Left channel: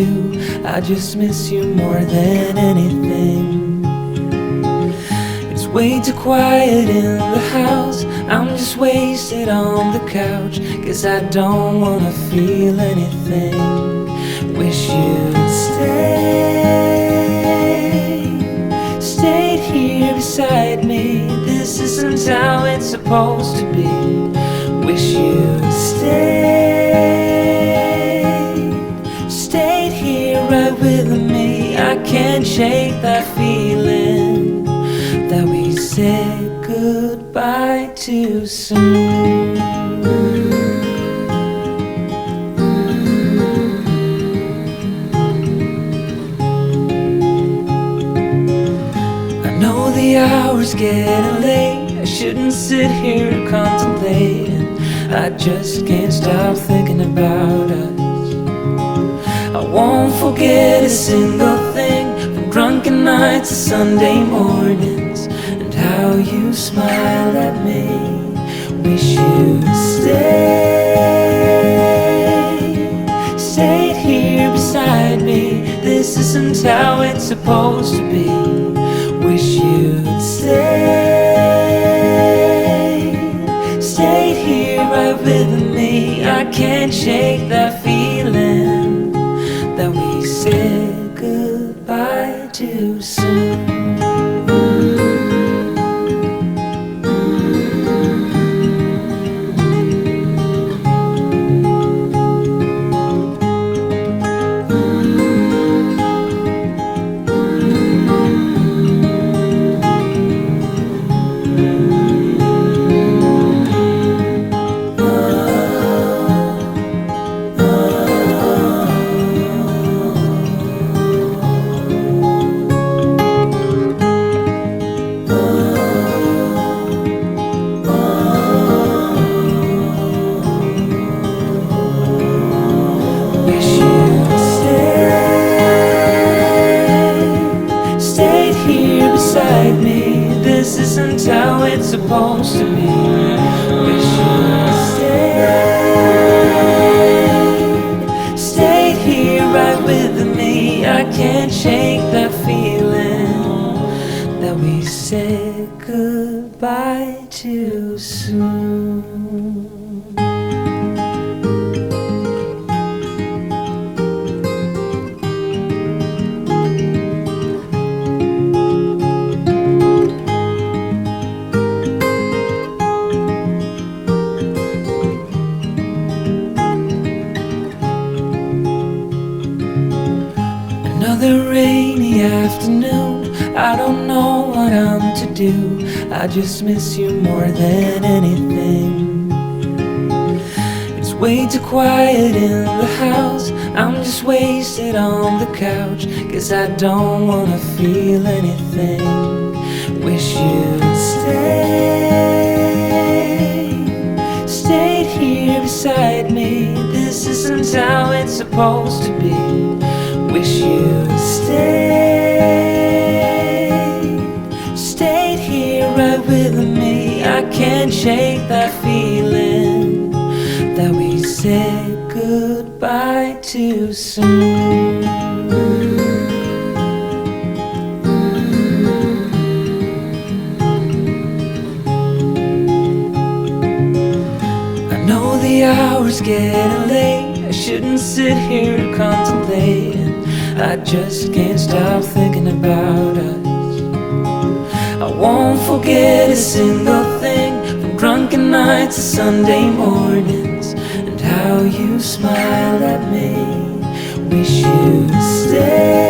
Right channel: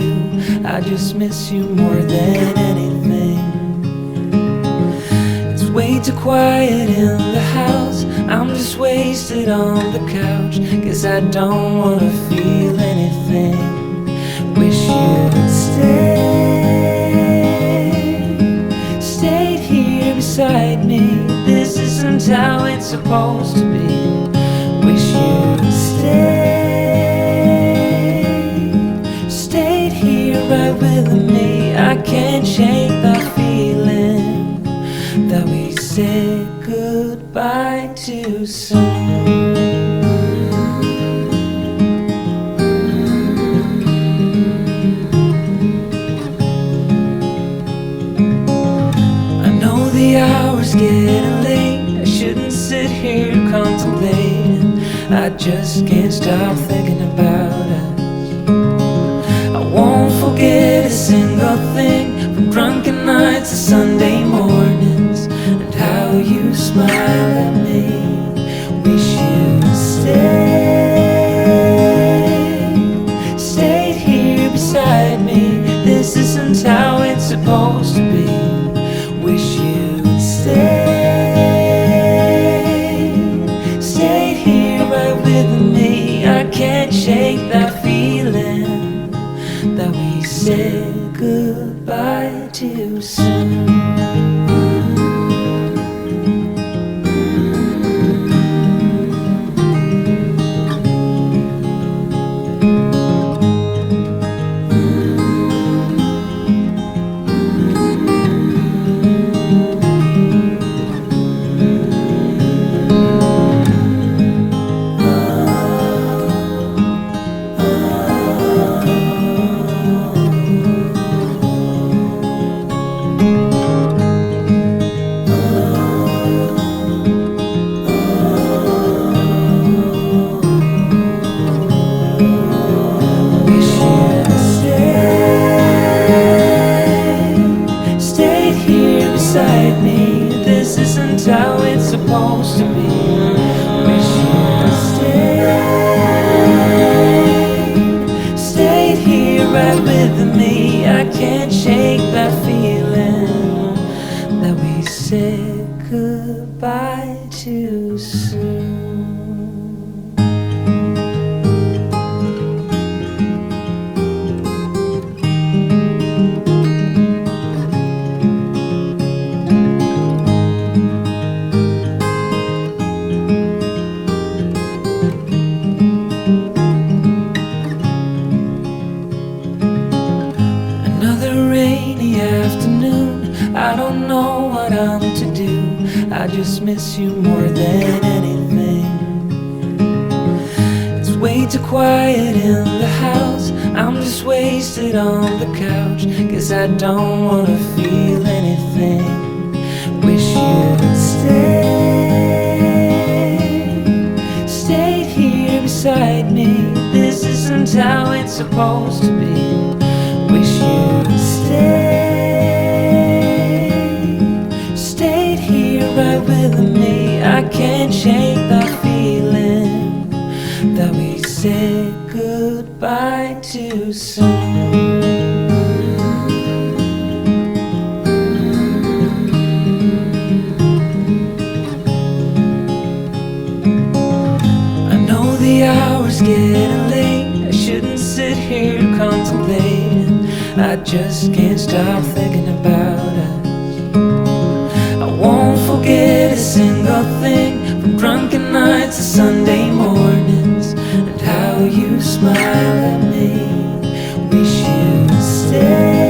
do. I just miss you more than anything. It's way too quiet in the house. I'm just wasted on the couch. Guess I don't wanna feel anything. Wish you'd stayed here beside me. This isn't how it's supposed to be. Wish you'd stayed here right with me. I can't shake that feeling that we said goodbye too soon. The hour's getting late. I shouldn't sit here contemplating. I just can't stop thinking about us. I won't forget a single thing, from drunken nights to Sunday mornings, and how you smile at me. Wish you'd stayed here beside me. This isn't how it's supposed to be. Wish you'd stayed here right with me. I can't shake that feeling that we said goodbye too soon. This isn't how it's supposed to be. Wish you'd stayed here right with me. I can't shake that feeling that we said goodbye too soon. Another rainy afternoon, I don't know what I'm to do. I just miss you more than anything. It's way too quiet in the house. I'm just wasted on the couch. Guess I don't wanna feel anything. Wish you'd stayed here beside me. This isn't how it's supposed to be. Wish you'd stayed here right with me. I can't shake that feeling that we said goodbye too soon. I know the hour's getting late. I shouldn't sit here contemplating. I just can't stop thinking about us. I won't forget a single thing, from drunken nights to Sunday mornings, and how you smile at me. Wish you'd stay